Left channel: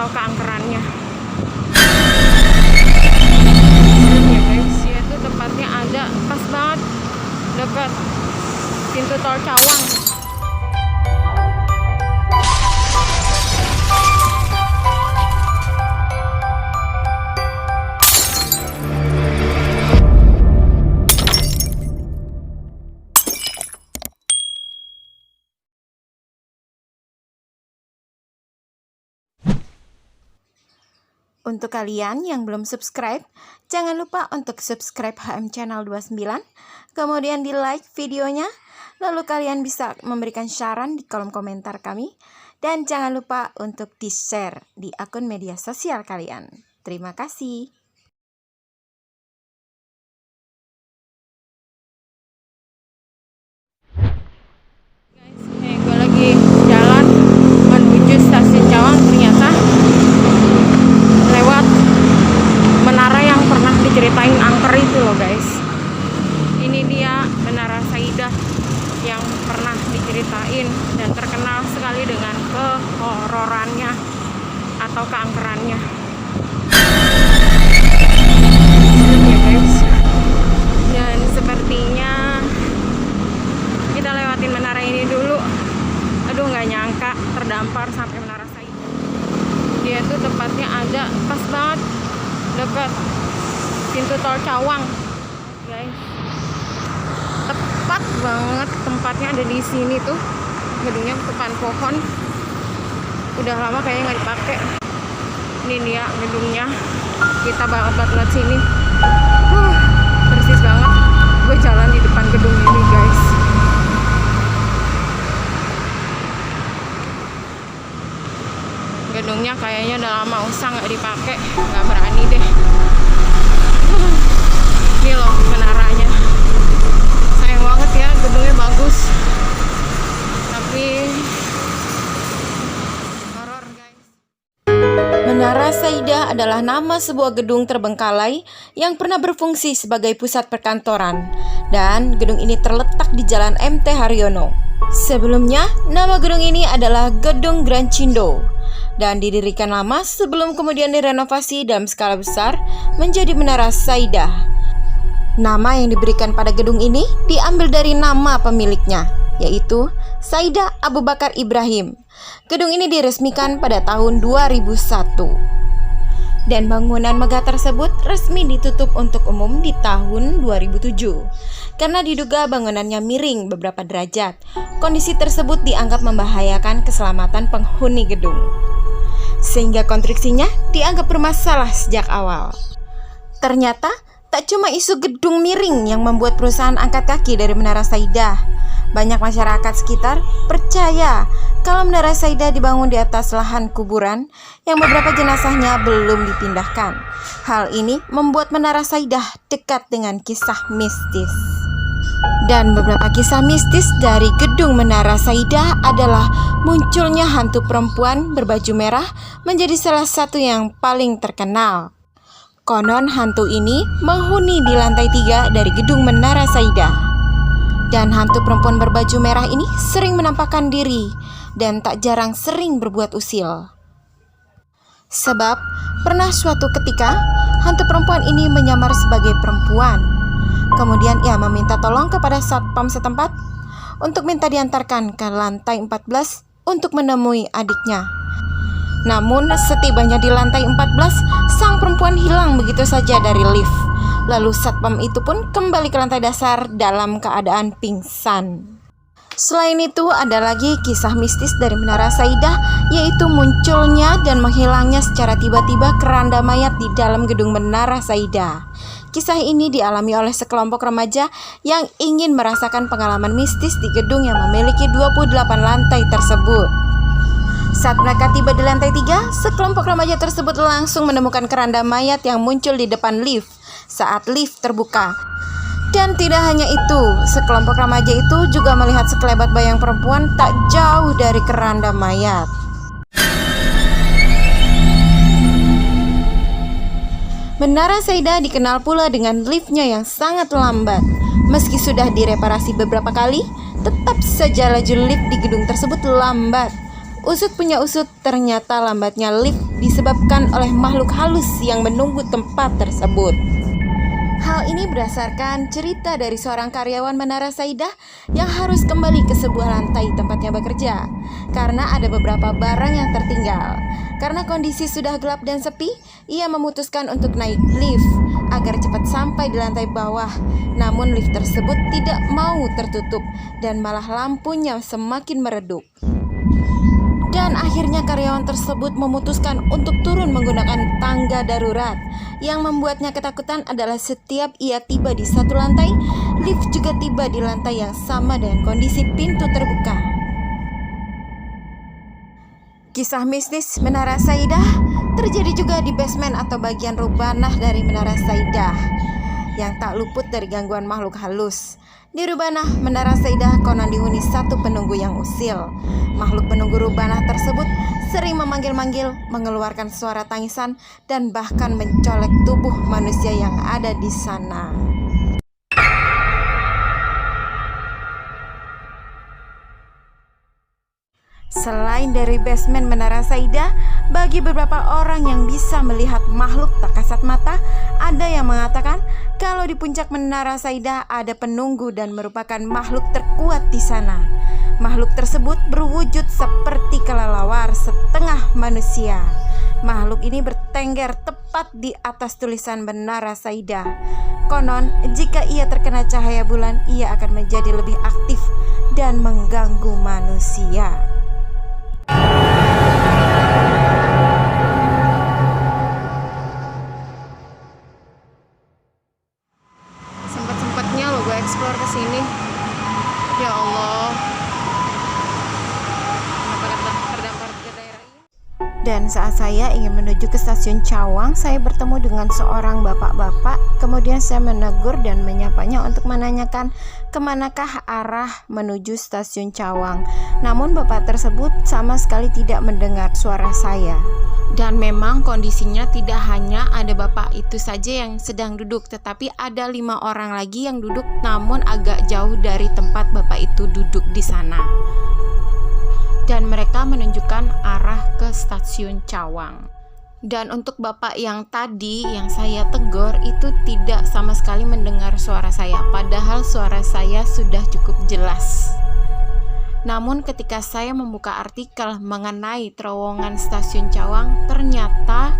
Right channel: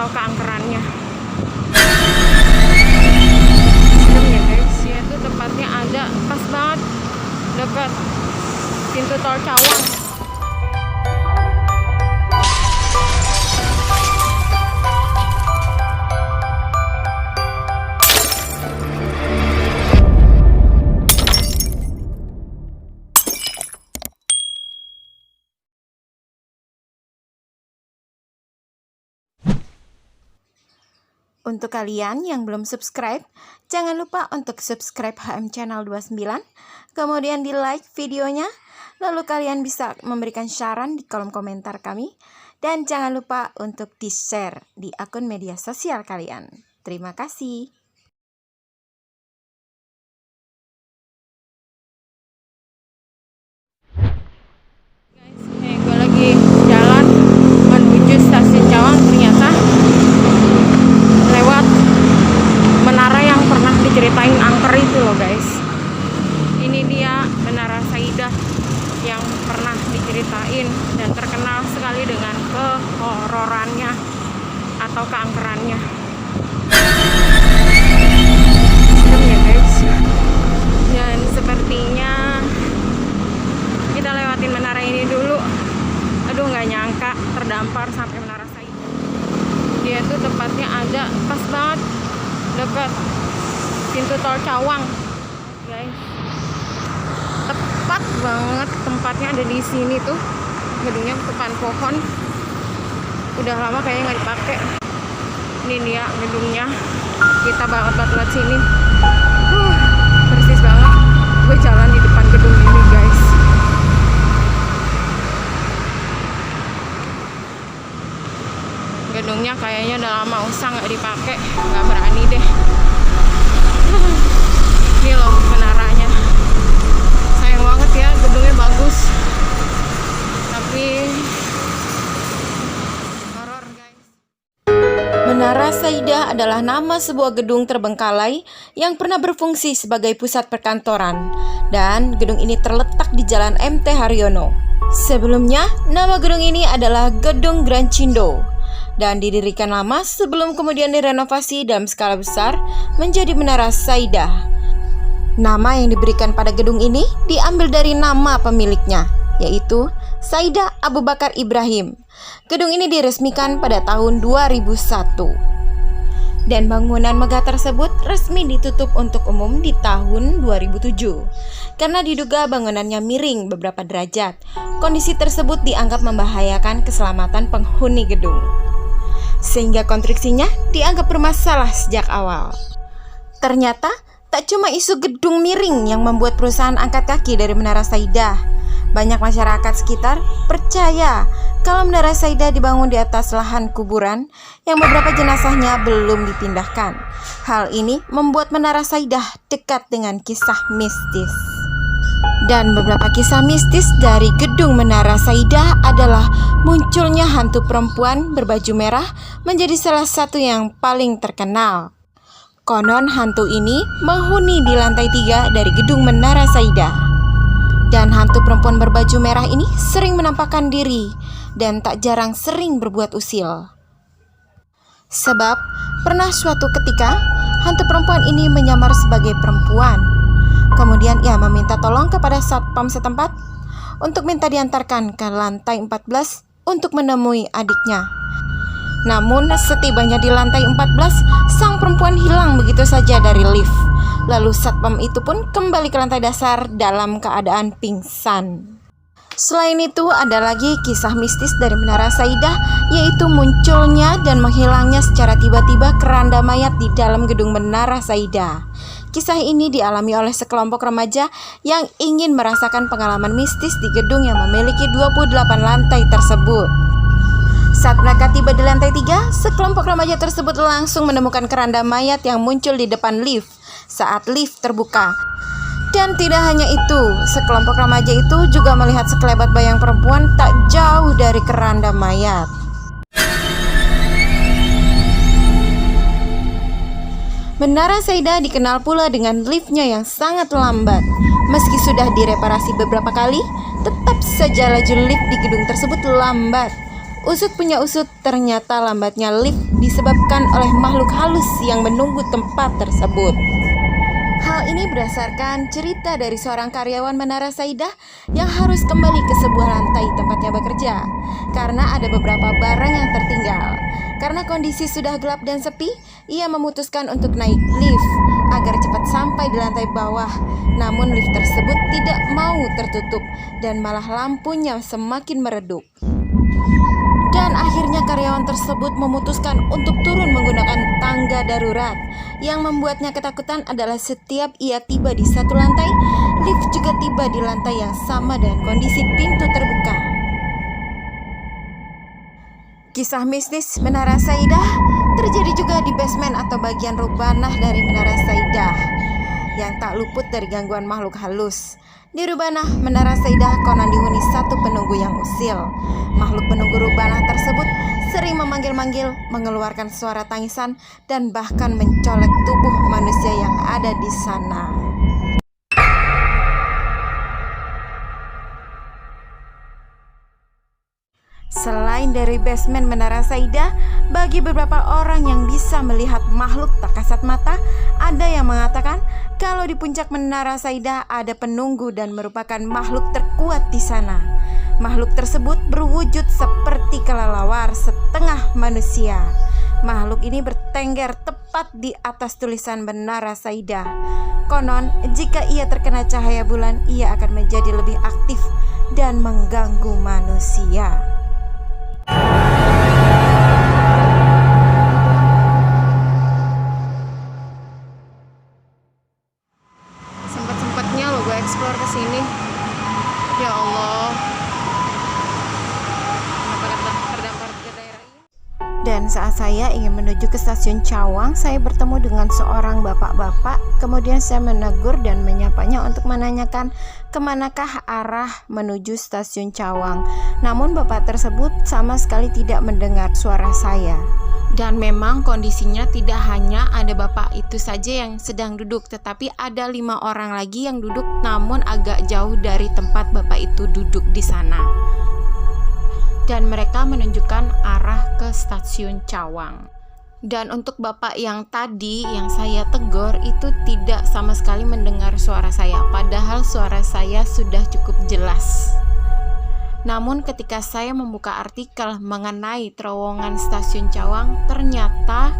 atau keangkerannya. Serem ya guys, ya itu tempatnya ada pas banget dekat pintu tol Cawang. Untuk kalian yang belum subscribe, jangan lupa untuk subscribe HM Channel 29, kemudian di like videonya, lalu kalian bisa memberikan saran di kolom komentar kami, dan jangan lupa untuk di-share di akun media sosial kalian. Terima kasih. Guys, nih gue lagi jalan menuju stasiun Cawang, ternyata lewat menara yang pernah diceritain angker itu loh guys. Ini dia Menara Saidah yang pernah diceritain dan terkenal sekali dengan kehororannya atau keangkerannya. Serem ya guys. Dan sepertinya kita lewatin menara ini dulu. Aduh, nggak nyangka terdampar sampai Menara Saidah. Dia tuh tempatnya ada pas banget dekat pintu tol Cawang guys. Tepat banget tempatnya ada di sini tuh. Gedungnya depan pohon, udah lama kayaknya nggak dipakai. Ini dia gedungnya, kita banget lewat sini. Persis banget gue jalan di depan gedung ini guys. Gedungnya kayaknya udah lama usang nggak dipakai, nggak berani deh. Ini loh menaranya, sayang banget ya, gedungnya bagus tapi horor guys. Menara Saidah adalah nama sebuah gedung terbengkalai yang pernah berfungsi sebagai pusat perkantoran, dan gedung ini terletak di Jalan MT Haryono. Sebelumnya nama gedung ini adalah Gedung Grand Cindo dan didirikan lama sebelum kemudian direnovasi dalam skala besar menjadi Menara Saidah. Nama yang diberikan pada gedung ini diambil dari nama pemiliknya, yaitu Saidah Abu Bakar Ibrahim. Gedung ini diresmikan pada tahun 2001. Dan bangunan megah tersebut resmi ditutup untuk umum di tahun 2007 karena diduga bangunannya miring beberapa derajat. Kondisi tersebut dianggap membahayakan keselamatan penghuni gedung, sehingga konstruksinya dianggap bermasalah sejak awal. Ternyata tak cuma isu gedung miring yang membuat perusahaan angkat kaki dari Menara Saidah. Banyak masyarakat sekitar percaya kalau Menara Saidah dibangun di atas lahan kuburan yang beberapa jenazahnya belum dipindahkan. Hal ini membuat Menara Saidah dekat dengan kisah mistis. Dan beberapa kisah mistis dari gedung Menara Saidah adalah munculnya hantu perempuan berbaju merah menjadi salah satu yang paling terkenal. Konon hantu ini menghuni di lantai 3 dari gedung Menara Saidah. Dan hantu perempuan berbaju merah ini sering menampakkan diri dan tak jarang sering berbuat usil. Sebab pernah suatu ketika hantu perempuan ini menyamar sebagai perempuan. Kemudian ia meminta tolong kepada satpam setempat untuk minta diantarkan ke lantai 14 untuk menemui adiknya. Namun setibanya di lantai 14, sang perempuan hilang begitu saja dari lift. Lalu satpam itu pun kembali ke lantai dasar dalam keadaan pingsan. Selain itu ada lagi kisah mistis dari Menara Saidah, yaitu munculnya dan menghilangnya secara tiba-tiba keranda mayat di dalam gedung Menara Saidah. Kisah ini dialami oleh sekelompok remaja yang ingin merasakan pengalaman mistis di gedung yang memiliki 28 lantai tersebut. Saat mereka tiba di lantai 3, sekelompok remaja tersebut langsung menemukan keranda mayat yang muncul di depan lift saat lift terbuka. Dan tidak hanya itu, sekelompok remaja itu juga melihat sekelebat bayang perempuan tak jauh dari keranda mayat. Menara Saidah dikenal pula dengan liftnya yang sangat lambat. Meski sudah direparasi beberapa kali, tetap saja laju lift di gedung tersebut lambat. Usut punya usut, ternyata lambatnya lift disebabkan oleh makhluk halus yang menunggu tempat tersebut. Hal ini berdasarkan cerita dari seorang karyawan Menara Saidah yang harus kembali ke sebuah lantai tempatnya bekerja karena ada beberapa barang yang tertinggal. Karena kondisi sudah gelap dan sepi, ia memutuskan untuk naik lift agar cepat sampai di lantai bawah. Namun lift tersebut tidak mau tertutup dan malah lampunya semakin meredup. Dan akhirnya karyawan tersebut memutuskan untuk turun menggunakan tangga darurat. Yang membuatnya ketakutan adalah setiap ia tiba di satu lantai, lift juga tiba di lantai yang sama dengan kondisi pintu terbuka. Kisah mistis Menara Saidah terjadi juga di basement atau bagian rubanah dari Menara Saidah yang tak luput dari gangguan makhluk halus. Di rubanah Menara Saidah konon dihuni satu penunggu yang usil. Makhluk penunggu rubanah tersebut sering memanggil-manggil, mengeluarkan suara tangisan, dan bahkan mencolek tubuh manusia yang ada di sana. Selain dari basement Menara Saidah, bagi beberapa orang yang bisa melihat makhluk tak kasat mata, ada yang mengatakan kalau di puncak Menara Saidah ada penunggu dan merupakan makhluk terkuat di sana. Makhluk tersebut berwujud seperti kelelawar setengah manusia. Makhluk ini bertengger tepat di atas tulisan Menara Saidah. Konon, jika ia terkena cahaya bulan, ia akan menjadi lebih aktif dan mengganggu manusia. Sempet-sempetnya lo gue explore ke sini. Ya Allah. Terdampar ke daerah ini. Dan saat saya ingin menuju ke stasiun Cawang, saya bertemu dengan seorang bapak-bapak. Kemudian saya menegur dan menyapanya untuk menanyakan kemanakah arah menuju stasiun Cawang. Namun bapak tersebut sama sekali tidak mendengar suara saya. Dan memang kondisinya tidak hanya ada bapak itu saja yang sedang duduk, tetapi ada 5 orang lagi yang duduk namun agak jauh dari tempat bapak itu duduk di sana. Dan mereka menunjukkan arah ke stasiun Cawang. Dan untuk bapak yang tadi yang saya tegur itu tidak sama sekali mendengar suara saya, padahal suara saya sudah cukup jelas. Namun ketika saya membuka artikel mengenai terowongan stasiun Cawang, ternyata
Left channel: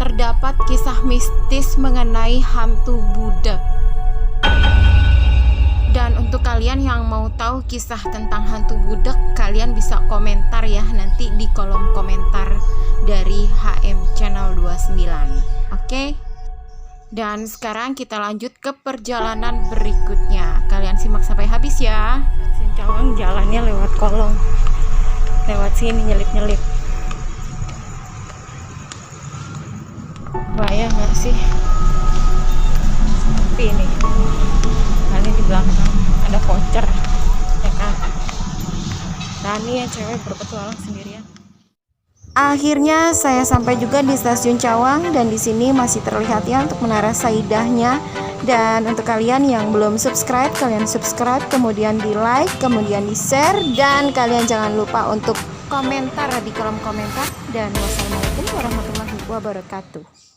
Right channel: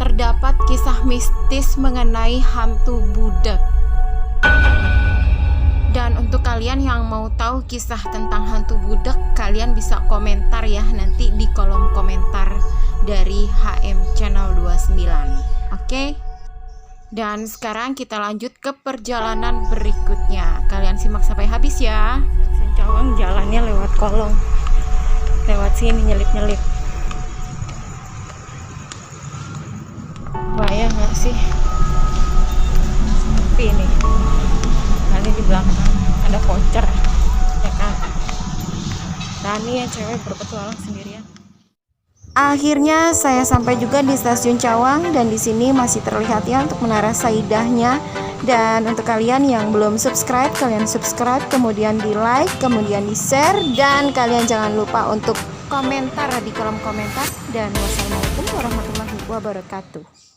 terdapat kisah mistis mengenai hantu budak. Dan untuk kalian yang mau tahu kisah tentang hantu budak, kalian bisa komentar ya nanti di kolom komentar dari HM Channel 29. Oke? Dan sekarang kita lanjut ke perjalanan berikutnya. Kalian simak sampai habis ya. Stasiun Cawang jalannya lewat kolong. Lewat sini nyelip-nyelip. Bahaya nggak sih? Sepi ini. Kali di belakang ada voucher, ya kan? Rani yang cewek berpetualang sendirian. Akhirnya saya sampai juga di stasiun Cawang dan di sini masih terlihat ya untuk Menara Saidahnya. Dan untuk kalian yang belum subscribe, kalian subscribe, kemudian di like, kemudian di share, dan kalian jangan lupa untuk komentar di kolom komentar. Dan wassalamualaikum warahmatullahi wabarakatuh.